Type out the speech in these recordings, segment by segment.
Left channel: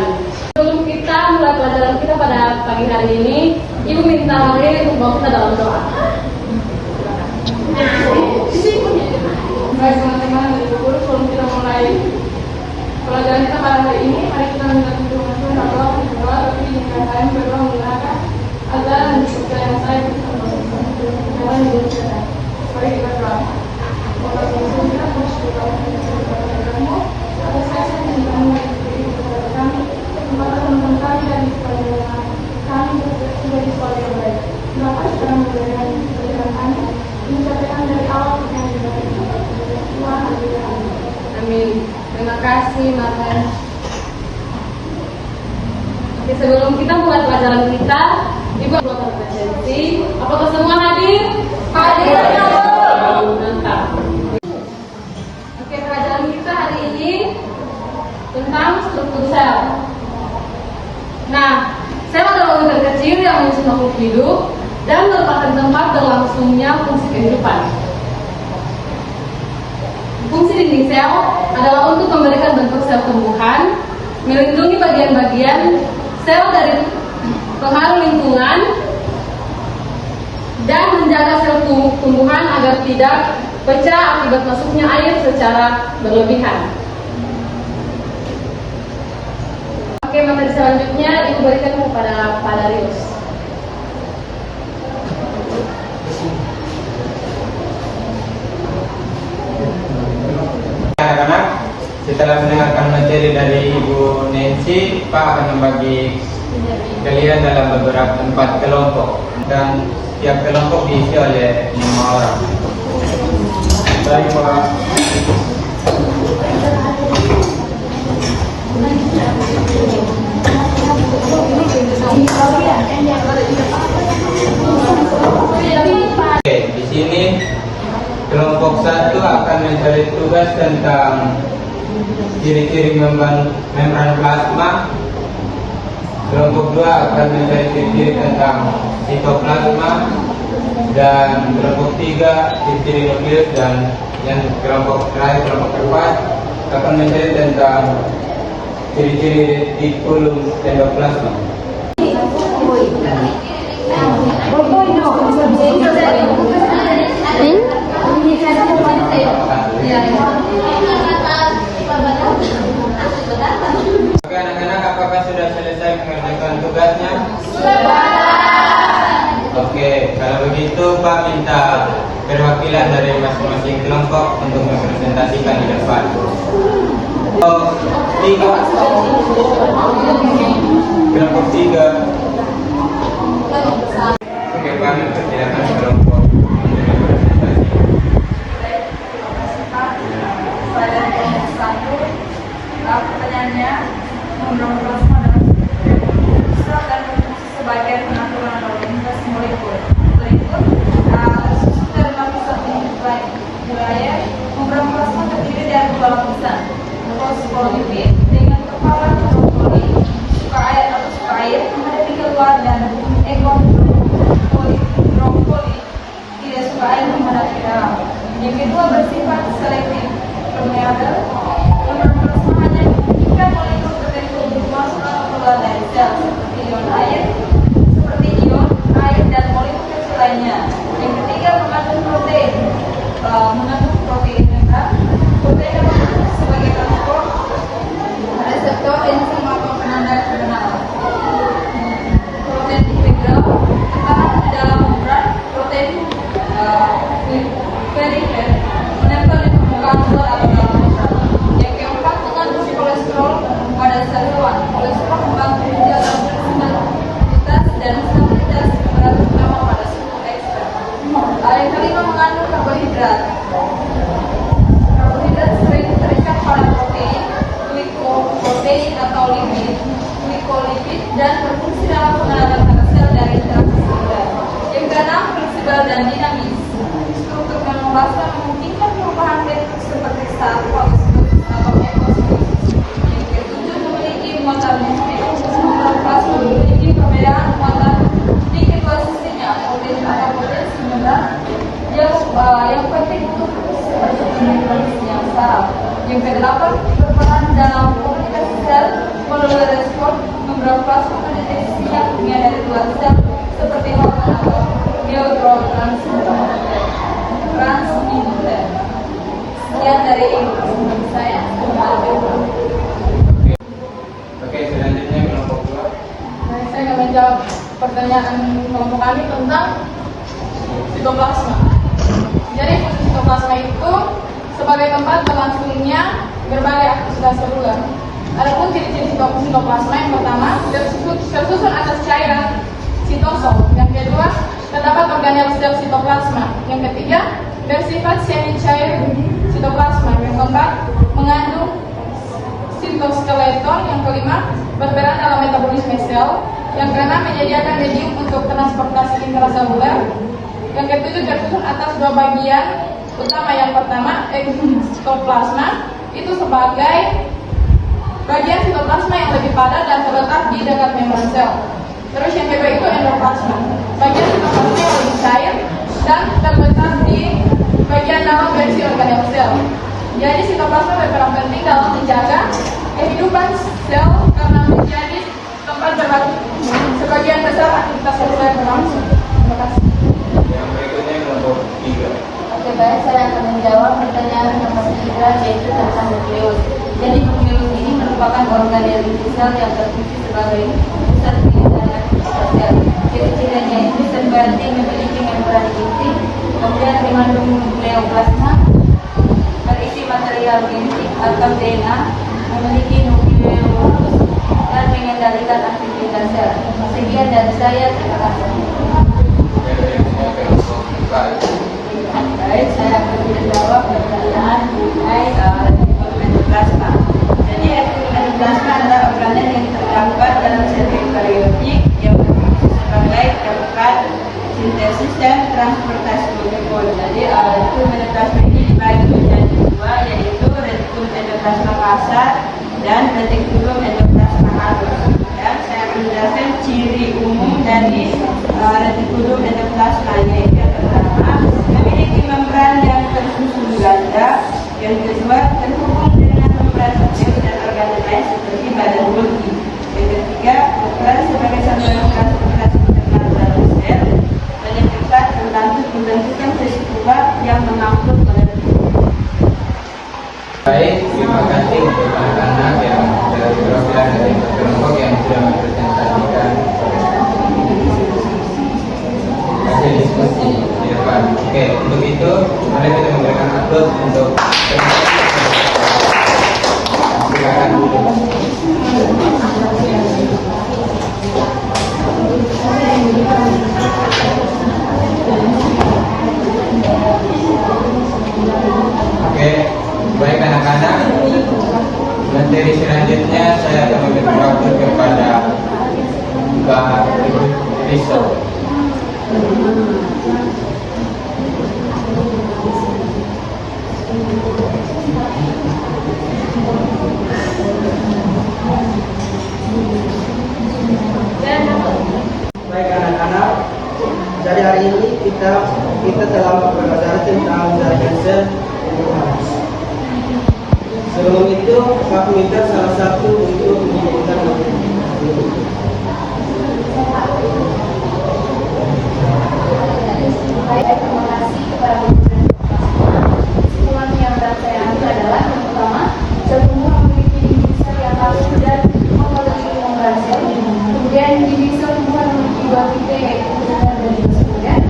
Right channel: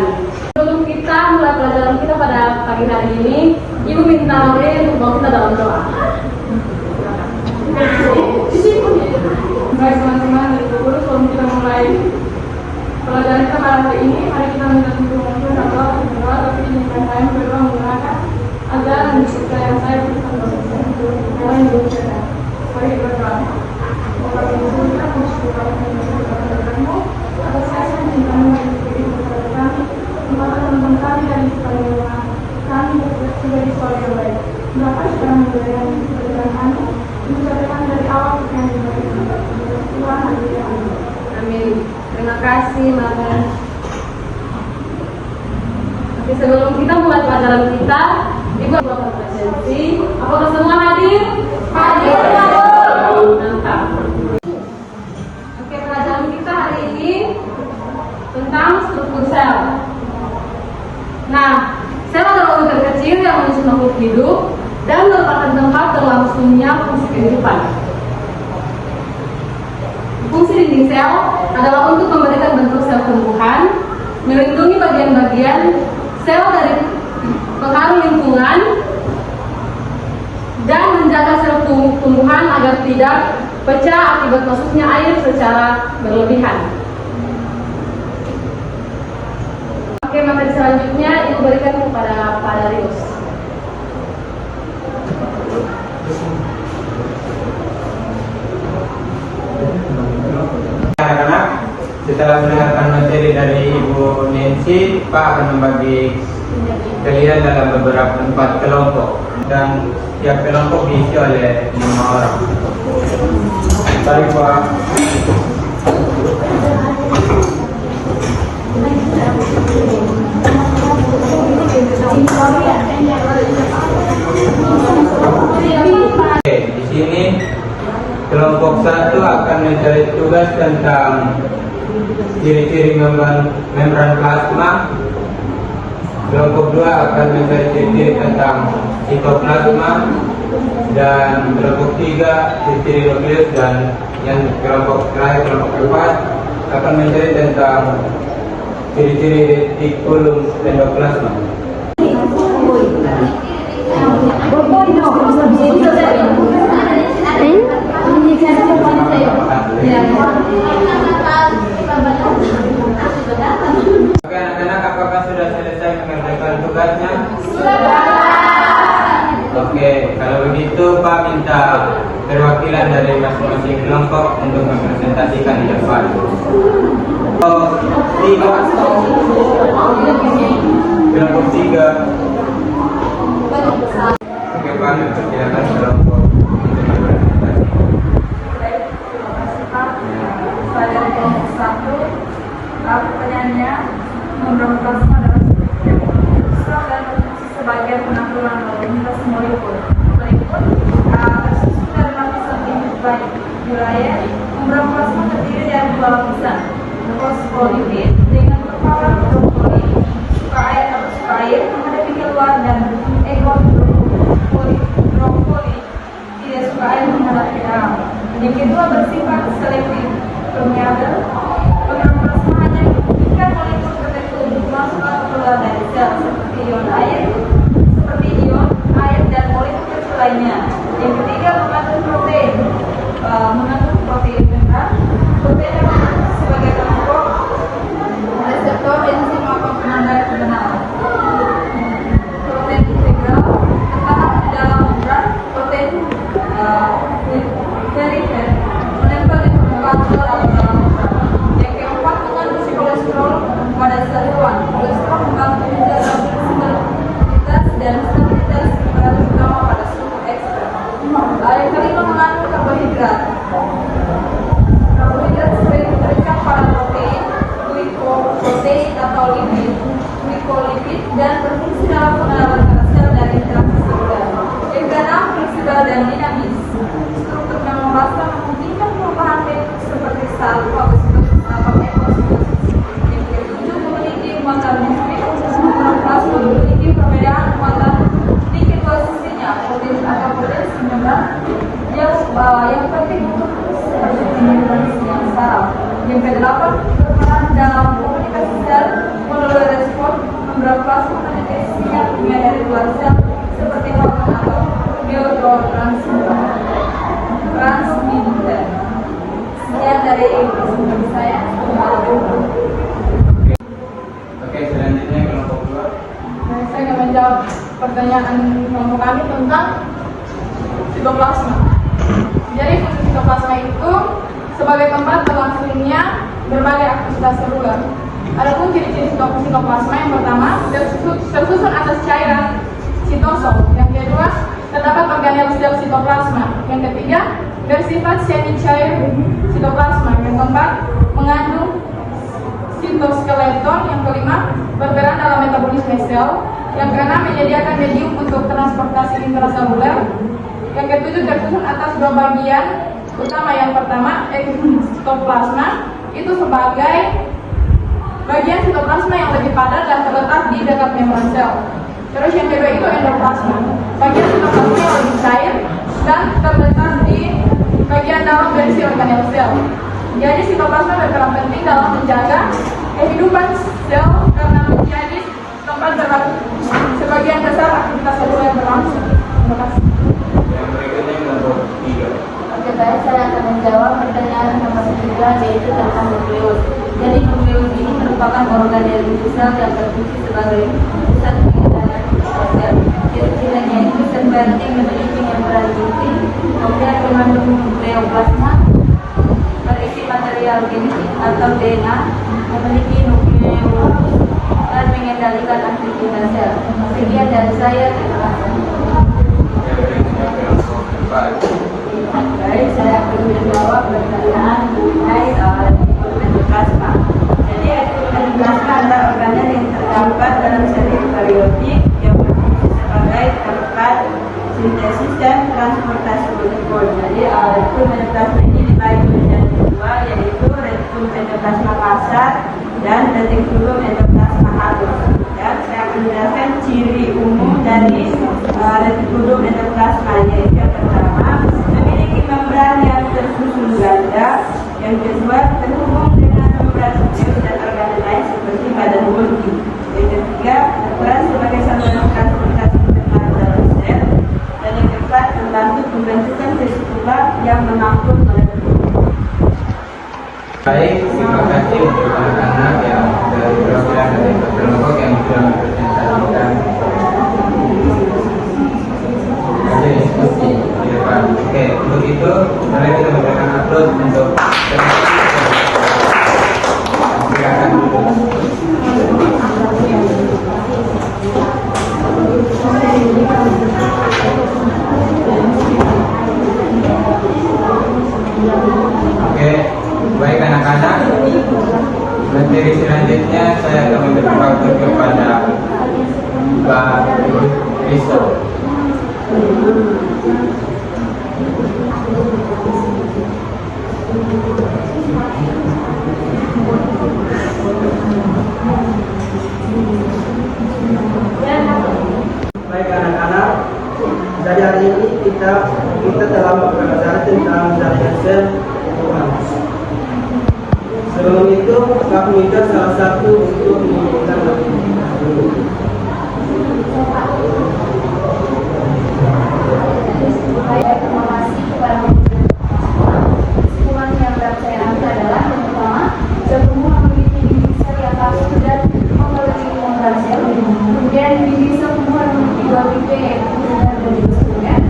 kehidupan. Sebelum kita mulai pelajaran kita pada pagi hari ini, Ibu minta Maria untuk bawa kita dalam doa. Baik teman-teman, Ibu Guru, sebelum kita mulai pelajaran kita pada hari ini, mari kita minta Tuhan untuk berdoa, tapi dengan kalian berdoa menggunakan agar supaya saya kalian berdoa. Baik kita berdoa. Atas kasih dan kamu kepada kami, teman-teman kami dan kepada kami sudah di sekolah yang baik. Dapat sedang memberikan pelajaran kami, mencapai dari awal yang baik. Tuhan, amin. Terima kasih, Mama. Oke, sebelum kita mulai pelajaran kita, Ibu buat presensi. Apakah semua hadir? Hadir. Mantap. Oke, pelajaran kita hari ini tentang struktur sel. Nah, sel adalah unit kecil yang mengisi makhluk hidup dan merupakan tempat berlangsungnya fungsi kehidupan. Fungsi dinding sel adalah untuk memberikan bentuk sel tumbuhan, melindungi bagian-bagian sel dari pengaruh lingkungan, dan menjaga sel tumbuhan agar tidak pecah akibat masuknya air secara berlebihan. Oke, materi selanjutnya diberikan kepada Pak Darius. Anak-anak, setelah mendengarkan materi dari Ibu Nancy, Pak akan membagi kalian dalam beberapa 4 kelompok dan setiap kelompok diisi oleh 5 orang. Baik, Pak. Oke, di sini kelompok 1 akan mencari tugas tentang ciri-ciri membran plasma. Kelompok 2 akan mencari ciri-ciri tentang sitoplasma, dan kelompok 3 ciri-ciri nukleus, dan yang kelompok terakhir, kelompok 4 akan mencari tentang ciri-ciri retikulum endoplasma. Oke anak-anak, apakah sudah selesai mengerjakan tugasnya? Oke, kalau begitu Pak minta perwakilan dari masing-masing kelompok untuk mempresentasikan di depan. Kelompok 3. Oke Pak, mempersilakan kelompok. Pertanyaannya, membran plasma adalah sel dan berfungsi sebagai pengaturan lalu molekul. Berikut tersusun dari lapisan wilayah. Membran plasma terdiri dari 2 lapisan: fosfolipid dengan kepala brokoli, suka air atau suka air, menghadapi luar, dan ekor brokoli tidak suka air menghadapi dalam. Yang kedua bersifat selektif permeabel. Dari sel seperti ion air, dan molekul kecil lainnya. Yang ketiga mengandung protein rendah. Protein yang berfungsi sebagai kelompok reseptor enzim atau penanda kenal. Protein integral tertanam di dalam membran. Protein feniker menempel di permukaan sel atau dalam membran. Yang keempat mengandung kolesterol pada sel hewan. Kolesterol membantu menjaga stabilitas dan stabilitas pada terutama pada suhu ekstern. Yang kelima mengandung karbohidrat. Karbohidrat sering terikat pada protein, glikoprotein atau glikolipid, dan berfungsi dalam pengenalan antara sel dari interaksi seluler. Yang keenam fleksibel dan dinamis. Struktur membrana memungkinkan perubahan bentuk seperti salvo atau ekosistem. Yang ketujuh memiliki muatan plasma memiliki perbedaan muatan di ekosistemnya, protein atau protein membran yang penting untuk yang saraf. Yang kedelapan berperan dalam komunikasi sel, modular luar plasma siap dengan dari luar sel seperti hormon atau neurotransmitter. Sekian dari saya. Oke, selanjutnya kelompok 2. Saya akan menjawab pertanyaan kelompok kami tentang sitoplasma. Jadi fungsi sitoplasma itu sebagai tempat berlangsungnya berbagai aktivitas seluler. Adapun ciri-ciri sitoplasma yang pertama tersusun atas cairan sitosom. Yang kedua terdapat organel sel sitoplasma. Yang ketiga bersifat semi cair sitoplasma. Yang keempat mengandung sitoskeleton. Yang kelima berperan dalam metabolisme sel. Yang keenam menyediakan medium untuk transportasi intraseluler. Yang ketujuh tersusun atas dua bagian utama. Yang pertama ekstoplasma itu sebagai bagian sitoplasma yang lebih padat dan terletak di dekat membran sel. Terus yang kedua itu endoplasma, bagian sitoplasma yang lebih cair dan terletak di bagian dalam berisi organel sel. Jadi sitoplasma berperan penting dalam menjaga kehidupan sel karena menjadi tempat sebagian besar aktivitas seluler berlangsung. Terima kasih. Yang berikutnya kelompok 3. Oke, baik, saya akan menjawab pertanyaan nomor 3, yaitu tentang nukleus. Jadi nukleus ini merupakan organ dari sel yang berfungsi sebagai pusat pengendalian sel. Ciri-cirinya itu sebenarnya memiliki membran putih, kemudian mengandung nukleoplasma, berisi material genetik atau DNA, memiliki nukleus dan mengendalikan aktivitas sel. Sekian dari saya, terima kasih. Baik, saya akan menjawab pertanyaan mengenai endoplasma. Jadi endoplasma adalah organel yang terdapat dalam sel eukariotik yang berfungsi sebagai tempat sintesis dan transportasi glikol. Jadi endoplasma ini dibagi menjadi dua, yaitu retikulum endoplasma kasar dan retikulum endoplasma halus. Dan saya akan menjelaskan ciri umum dari retikulum endoplasma, yaitu yang pertama memiliki membran yang tersusun ganda, yang kedua terhubung dengan membran sel dan organ lain seperti badan Golgi, yang ketiga berperan sebagai saluran transportasi internal dalam sel, dan yang keempat membantu pembentukan vesicula yang mengangkut molekul. Baik, terima kasih untuk anak-anak yang dari program dari kelompok yang sudah mempresentasikan hasil diskusi di depan. Oke, untuk itu mari kita memberikan upload untuk silakan. Oke, baik anak-anak, materi selanjutnya saya akan memberikan waktu kepada Mbak Riso. Baik anak-anak, jadi hari ini kita telah belajar tentang jaringan sel kehidupan. Sebelum itu, aku minta salah satu untuk menunjukkan Baik, terima kasih kepada kesimpulan yang dapat saya ambil adalah yang pertama, sel tumbuh memiliki dinding sel yang halus dan mengelilingi membran sel. Kemudian dinding sel tumbuhan memiliki dua tipe, yaitu dan kemudian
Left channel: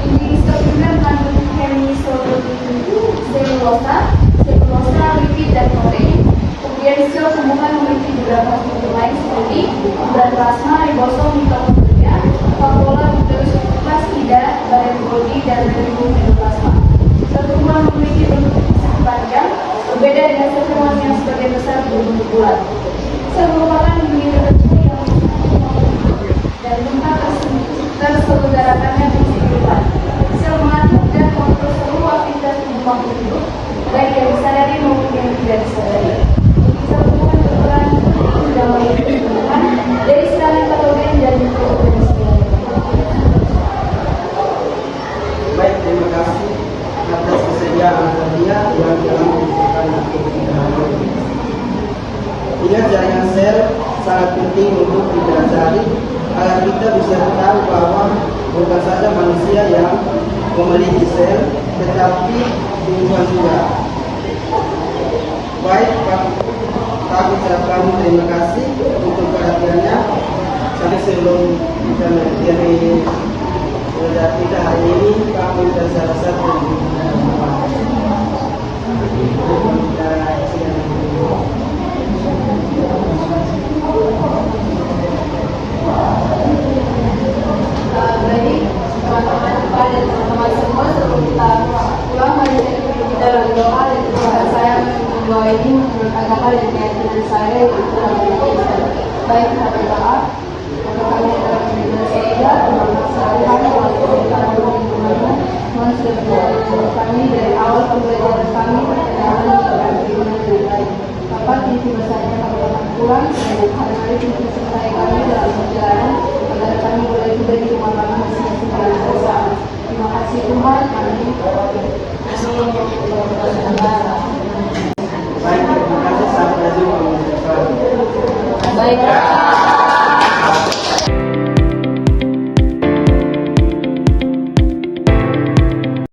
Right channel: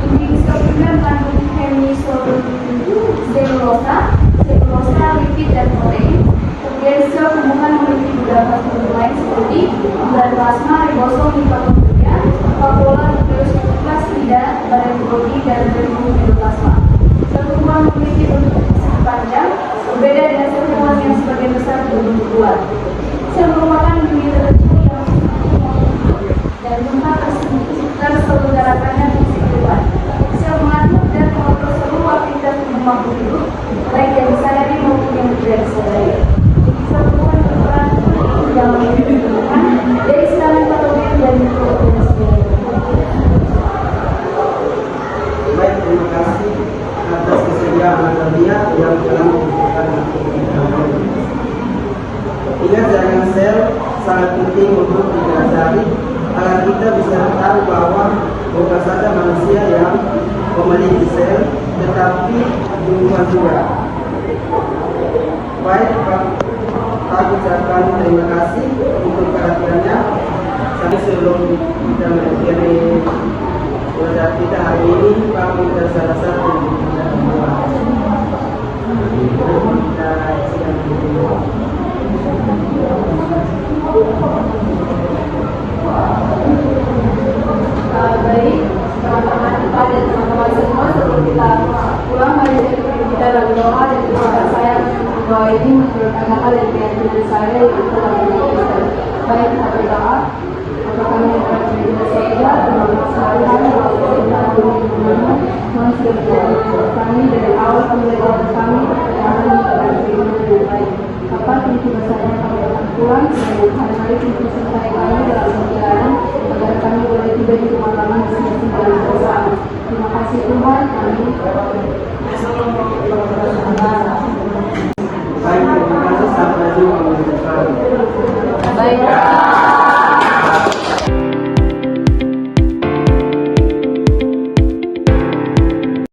dinding sel tumbuhan mengandung hemiselulosa, selulosa, lipid dan protein. Kemudian sel tumbuhan memiliki beberapa struktur lain seperti membran plasma, ribosom, mitokondria, vakuola, nukleus, plastida, badan Golgi, dan retikulum endoplasma. Sel tumbuhan memiliki bentuk panjang, berbeda dengan sel tumbuhan yang sebagian besar berbentuk bulat. Sel merupakan unit terkecil yang dan tempat terselenggarakannya kehidupan. Sel mengatur dan mengontrol seluruh aktivitas tubuh hidup, baik yang sehari maupun yang tidak disadari. Sel tumbuhan berperan penting dalam kehidupan dari serangan patogen dan mikroorganisme. baik, terima kasih atas kesediaan kalian yang telah memberikan Sehingga jaringan sel sangat penting untuk dipelajari agar kita bisa tahu bahwa bukan saja manusia yang memiliki sel, tetapi tumbuhan juga. Baik, Pak ucapkan terima kasih untuk perhatiannya. Sampai sebelum kita mengakhiri belajar kita hari ini, Pak Menteri saya rasa Baik, teman-teman kita dan teman-teman semua, sebelum kita pulang, mari kita berdoa dan semoga saya doa ini merupakan hal yang menyakiti saya itu telah menjadi. Baik, kita berdoa. Bapa kami yang ada di surga, Tuhan sekalian, Tuhan sudah menjadi kami dari awal sampai akhir kami, percayakan kepada diri lebih baik. Bapa, tinggi besarnya kami akan pulang, dan hari-hari tinggi sertai